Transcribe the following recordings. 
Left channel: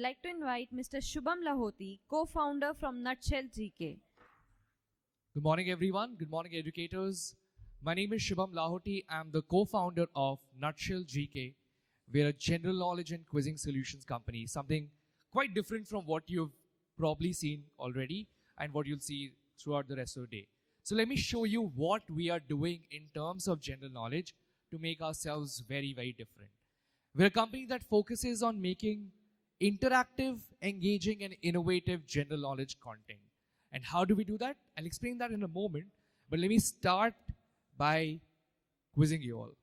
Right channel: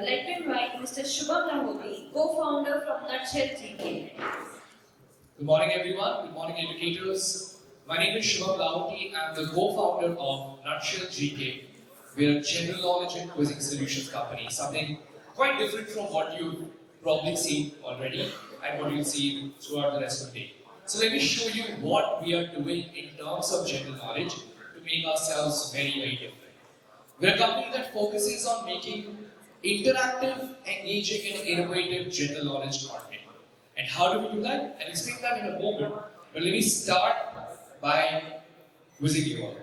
would like to invite Mr. Shubham Lahoti, co-founder from 𝐻𝐿 Good morning, everyone. Good morning, educators. My name is Shubham Lahoti. I'm the co-founder of 𝐻𝐿. We're a general knowledge and quizzing solutions company, something quite different from what you've probably seen already and what you'll see throughout the rest of the day. So let me show you what we are doing in terms of general knowledge to make ourselves very, very different. We're a company that focuses on making interactive, engaging, and innovative general knowledge content. And how do we do that? I'll explain that in a moment. But let me start by quizzing you all.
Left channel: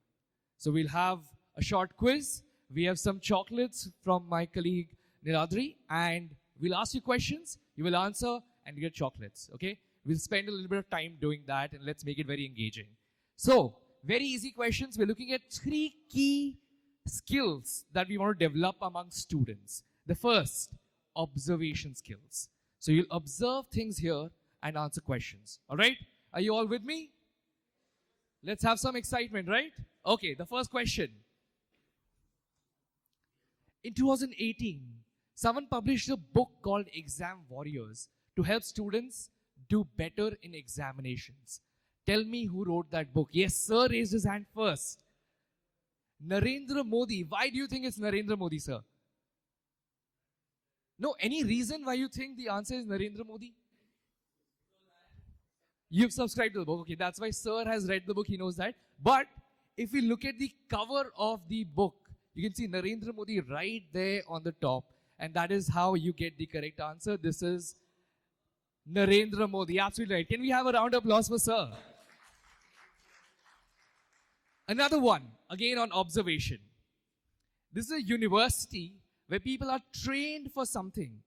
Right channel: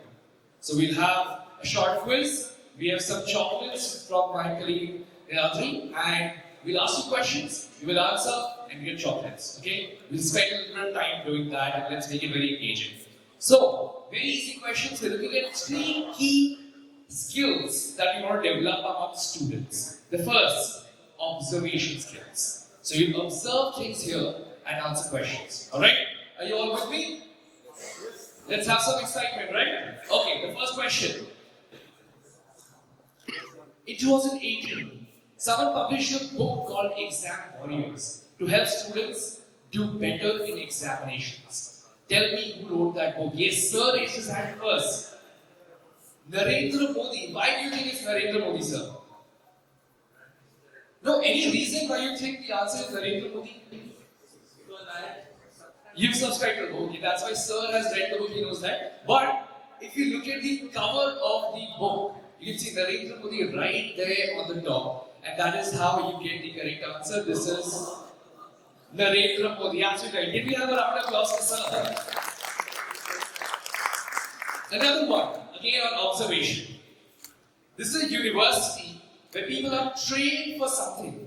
So we'll have a short quiz. We have some chocolates from my colleague Niladri, and we'll ask you questions. You will answer and get chocolates. Okay? We'll spend a little bit of time doing that, and it's really very engaging. So, very easy questions. We're looking at 3 key skills that we want to develop among students. The first, observation skills. So you observe things here and answer questions. Alright? Are you all with me? Let's have some excitement, right? Okay, the first question. In 2018, someone published a book called Exam Warriors to help students do better in examinations. Tell me who wrote that book. Yes, sir, raise his hand first. Narendra Modi. Why do you think it's Narendra Modi, sir? No, any reason why you think the answer is Narendra Modi? You've subscribed to the book. Okay, that's why sir has read the book, he knows that. But if you look at the cover of the book, you can see Narendra Modi right there on the top. And that is how you get the correct answer. This is Narendra Modi. Absolutely right. Can we have a round of applause for sir? Another one, again on observation. This is a university where people are trained for something.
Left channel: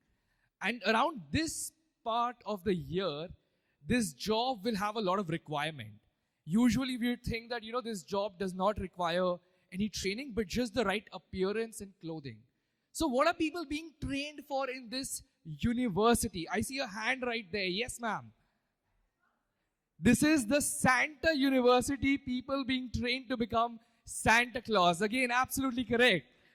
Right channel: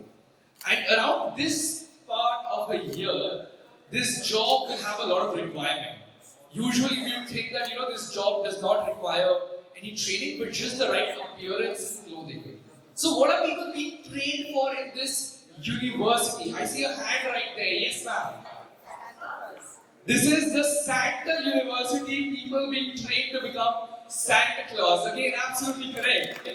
And around this part of the year, this job will have a lot of requirement. Usually we think that this job does not require any training, but just the right appearance and clothing. So what are people being trained for in this university? I see a hand right there. Yes, ma'am. This is the Santa University, people being trained to become Santa Claus. Again, absolutely correct.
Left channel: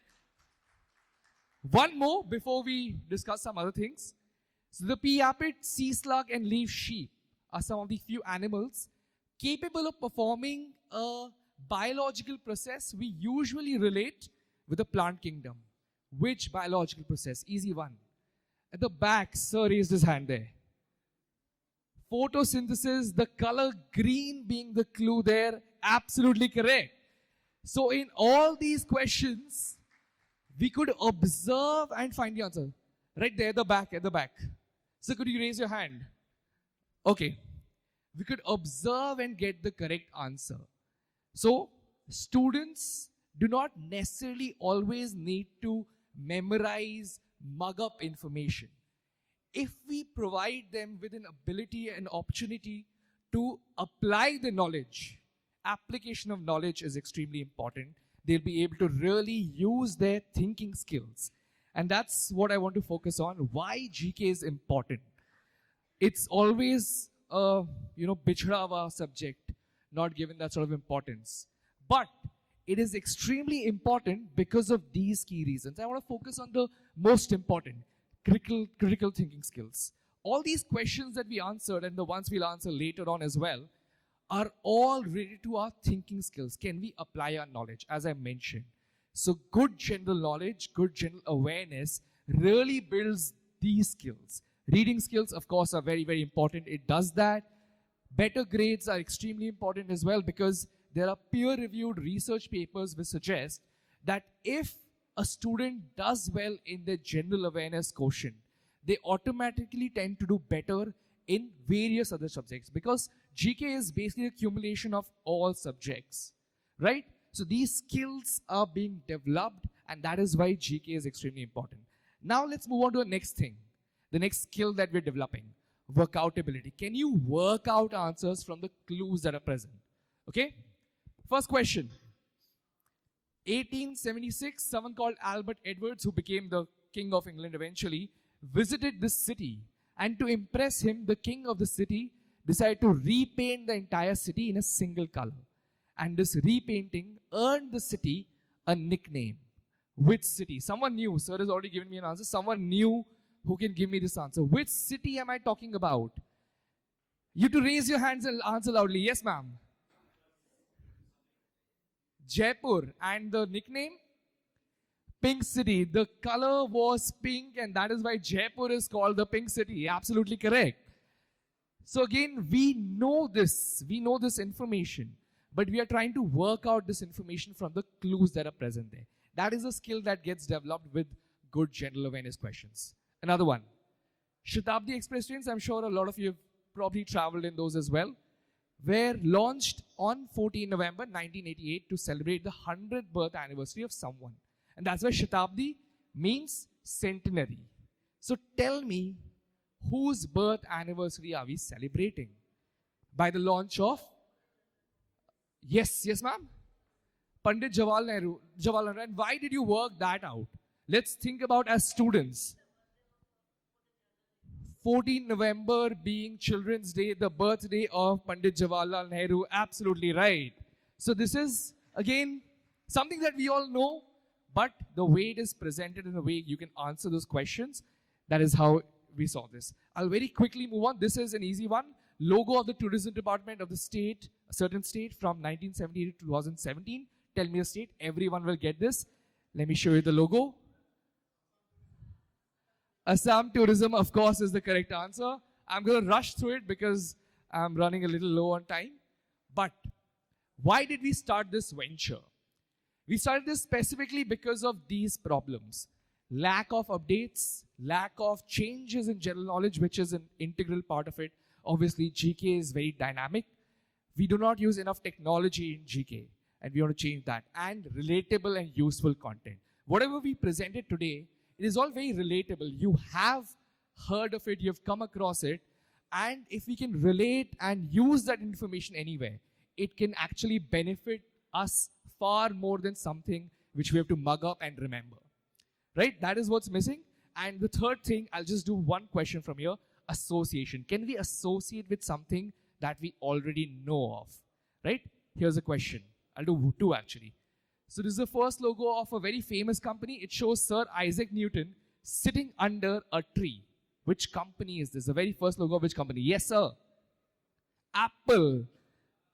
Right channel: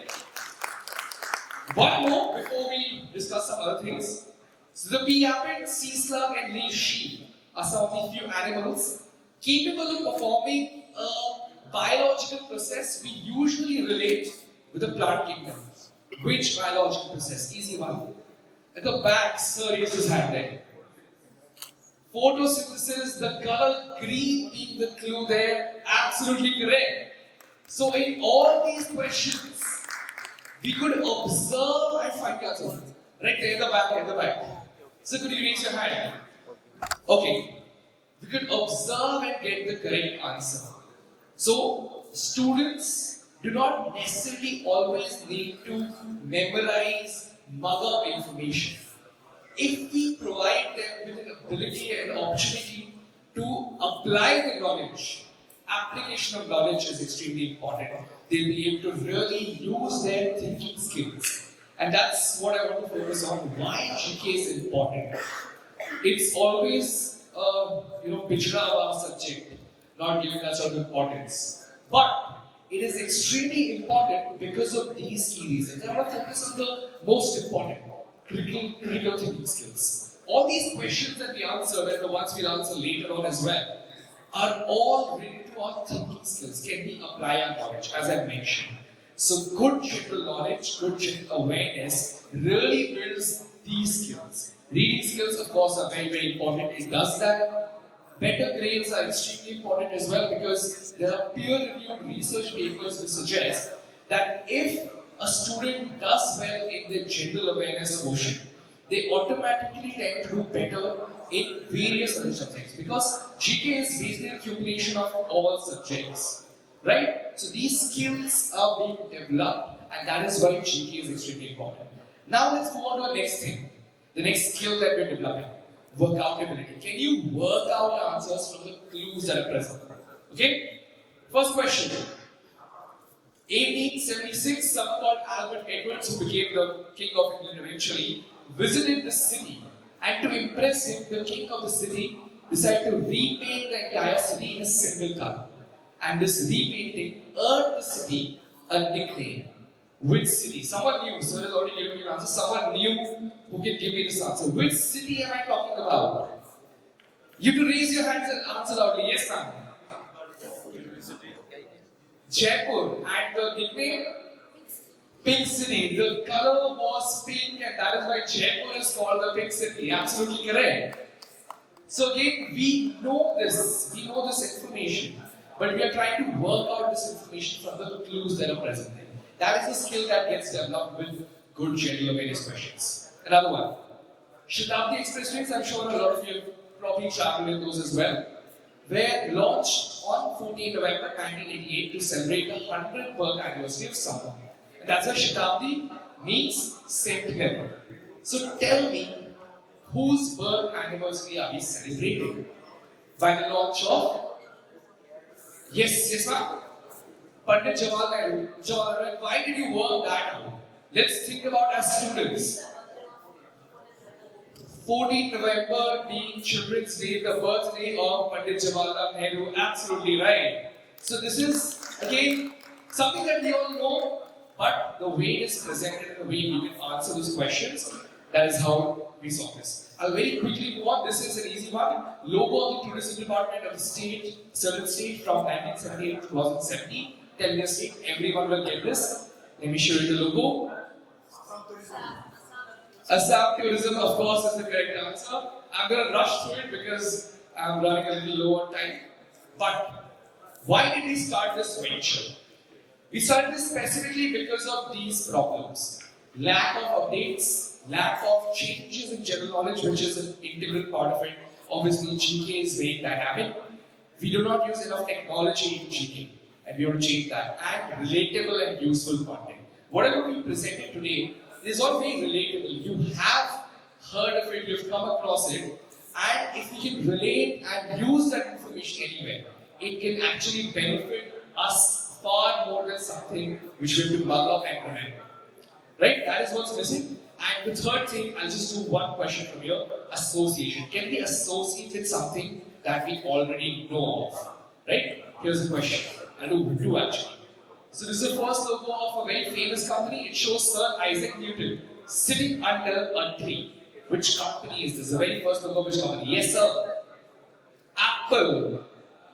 One more before we discuss some other things. So the pea apple, sea slug, and leaf sheep are some of the few animals capable of performing a biological process we usually relate with the plant kingdom. Which biological process? Easy one. At the back, sir raised his hand there. Photosynthesis, the color green being the clue there, absolutely correct. So in all these questions, we could observe and find the answer. Right there at the back. So could you raise your hand? Okay. We could observe and get the correct answer. So students do not necessarily always need to memorize mother information. If we provide them with an ability and opportunity to apply the knowledge, application of knowledge is extremely important. They'll be able to really use their thinking skills. And that's what I want to focus on. Why GK is important. It's always pichra our subject, not giving us certain importance. But it is extremely important because of these key reasons. I want to focus on the most important. Critical thinking skills. All these questions that we answer, and the ones we'll answer later on as well, are all related to our thinking skills. Can we apply our knowledge, as I mentioned? So good general knowledge, good general awareness really builds these skills. Reading skills, of course, are very, very important. It does that. Better grades are extremely important as well because there are peer-reviewed research papers that suggest that if a student does well in the general awareness quotient, they automatically tend to do better in various other subjects because GK is basically a accumulation of all subjects, right? So these skills are being developed, and that is why GK is extremely important. Now let's move on to the next thing, the next skill that we're developing, workoutability. Can you work out answers from the clues that are present? Okay? First question. 1876, someone called Albert Edwards, who became the king of England eventually, visited the city, and to impress him, the king of the city decided to repaint the entire city in a single color. And this repainting earned the city a nickname. Which city? Someone new. Sir has already given me an answer. Someone new who can give me this answer. Which city am I talking about? You can raise your hands and answer loudly. Yes, ma'am. Jaipur. And the nickname? Pink City. The color was pink, and that is why Jaipur is called the Pink City. Absolutely correct. So again, we know this information, but we are trying to work out this information from the clues that are present there. That is a skill that gets developed with good general awareness questions. Another one. Shatabdi Expressways, I'm sure a lot of you probably traveled in those as well, were launched on 14 November 1988 to celebrate the 100th birth anniversary of someone. And that's why Shatabdi means centenary. So tell me, whose birth anniversary are we celebrating? By the launch of? Yes, ma'am. Pandit Jawaharlal Nehru. And why did you work that out? Let's think about as students. 14 November being Children's Day, the birthday of Pandit Jawaharlal Nehru. Absolutely right. So this is again something that we all know, but the way it is presented and the way we can answer those questions, that is how we saw this. I'll very quickly move on. This is an easy one. Logo of the tourism department of the state, certain state from 1978 to 2017. 10-year state. Everyone will get this. Let me show you the logo. Assam Tourism, of course, is the correct answer. I'm going to rush through it because I'm running a little low on time. But why did we start this venture? We started this specifically because of these problems. Lack of updates, lack of changes in general knowledge, which is an integral part of it. Obviously, GK is very dynamic. We do not use enough technology in GK, and we want to change that. And relatable and useful content. Whatever we presented today is all very relatable. You have heard of it, you've come across it, and if you can relate and use that information anywhere, it can actually benefit us far more than something which we have to mug up and remember. Right? That is what's missing. And the third thing, I'll just do one question from here. Association. Can we associate with something that we already know of? Right? Here's the question. I'll do two actually. So this is the first logo of a very famous company. It shows Sir Isaac Newton sitting under a tree. Which company is this? The very first logo of which company? Yes, sir. Apple.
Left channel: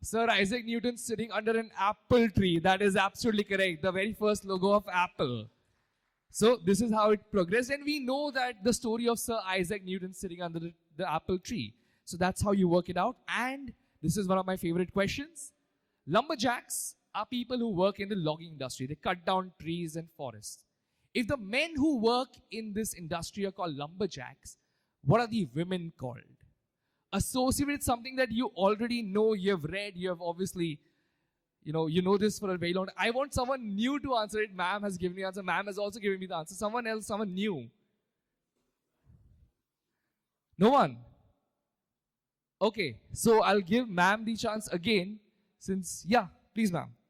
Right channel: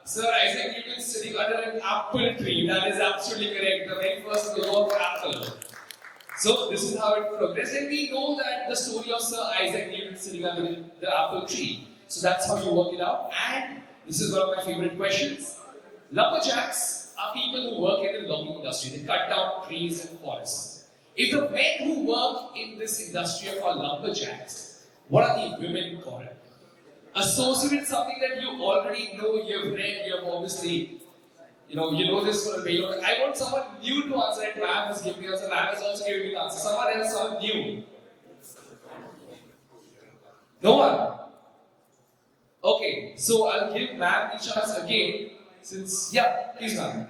Sir Isaac Newton sitting under an apple tree. That is absolutely correct. The very first logo of Apple. So this is how it progressed, and we know that the story of Sir Isaac Newton sitting under the apple tree. So that's how you work it out. And this is one of my favorite questions. Lumberjacks are people who work in the logging industry. They cut down trees and forests. If the men who work in this industry are called lumberjacks, what are the women called? Associate something that you already know, you've read, you've obviously, you know this for a very long time. I want someone new to answer it. Ma'am has given me an answer. Ma'am has also given me an answer. Someone else, someone new. No one? Okay, so I'll give ma'am the chance again. Since, yeah, please ma'am.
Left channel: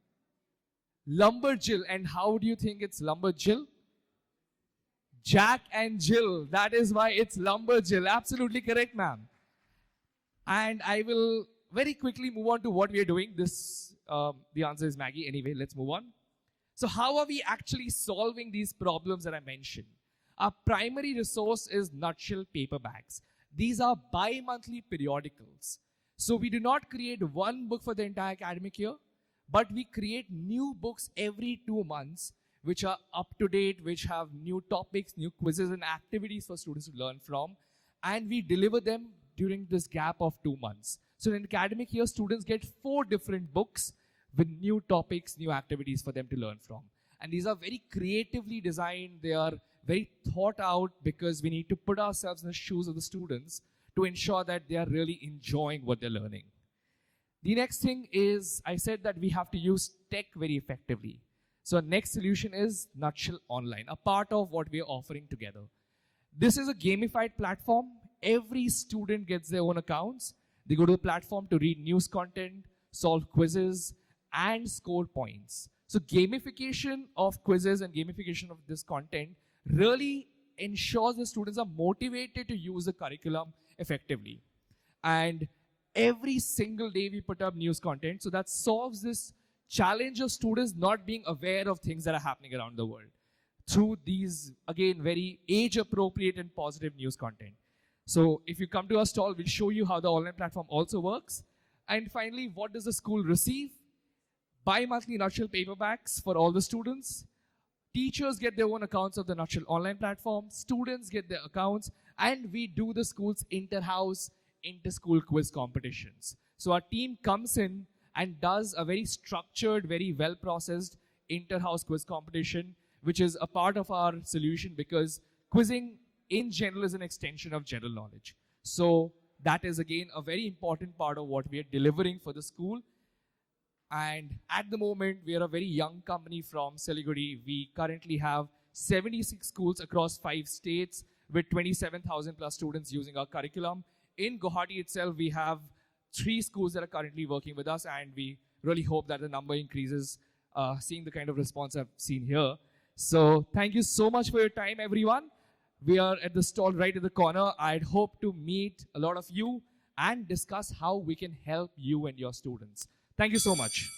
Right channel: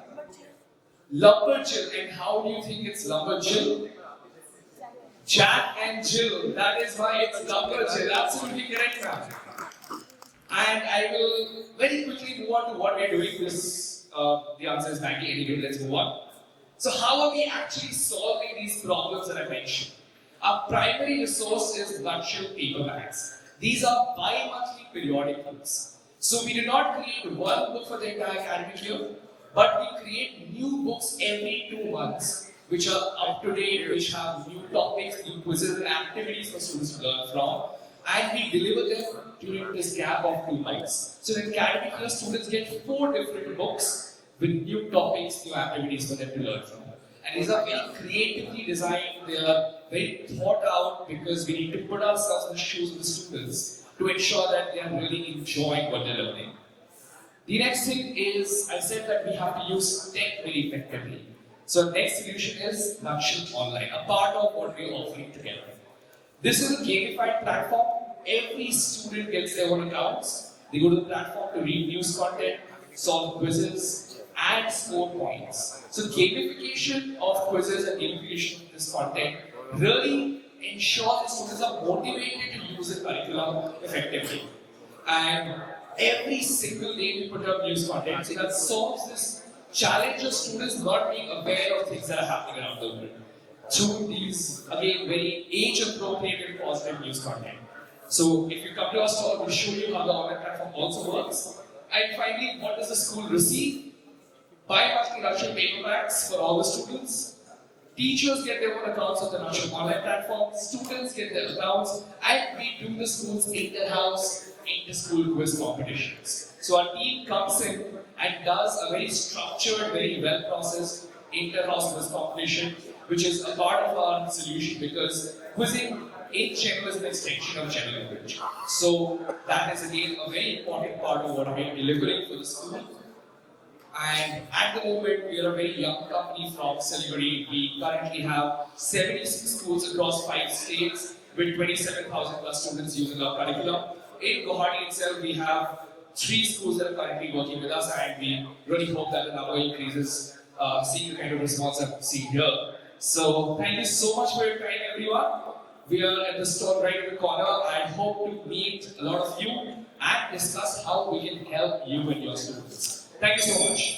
Lumberjill. And how do you think it's Lumberjill? Jack and Jill. That is why it's Lumberjill. Absolutely correct, ma'am. And I will very quickly move on to what we are doing this. The answer is Maggie. Anyway, let's move on. So how are we actually solving these problems that I mentioned? Our primary resource is nutshell paper bags. These are bi-monthly periodicals. So we do not create one book for the entire academic year, but we create new books every 2 months, which are up to date, which have new topics, new quizzes and activities for students to learn from. And we deliver them during this gap of 2 months. So in academic year, students get 4 different books with new topics, new activities for them to learn from. And these are very creatively designed, they are very thought out because we need to put ourselves in the shoes of the students to ensure that they are really enjoying what they're learning. The next thing is, I said that we have to use tech very effectively. So the next solution is Nutshell Online, a part of what we are offering together. This is a gamified platform. Every student gets their own accounts. They go to the platform to read news content, solve quizzes, and score points. So gamification of quizzes and gamification of this content really ensures the students are motivated to use the curriculum effectively. And every single day we put up news content, so that solves this challenge of students not being aware of things that are happening around the world. through these, again, very age-appropriate and positive news content. So if you come to our stall, we'll show you how the online platform also works. And finally, what does the school receive? Bi-monthly Nakshat payment packs for all the students. Teachers get their own accounts on the Nakshat online platform. Students get their accounts. And we do the school's inter-house, inter-school quiz competitions. So our team comes in and does a very structured, very well-processed inter-house quiz competition, which is a part of our solution because quizzing in general is an extension of general knowledge. So that is again a very important part of what we are delivering for the school. And at the moment, we are a very young company from Siliguri. We currently have 76 schools across 5 states with 27,000 plus students using our curriculum. In Guwahati itself, we have 3 schools that are currently working with us, and we really hope that the number increases, seeing the kind of response I'm seeing here. So, thank you so much for your time, everyone. We are at the stall right in the corner. I hope to meet a lot of you and discuss how we can help you and your students. Thank you so much.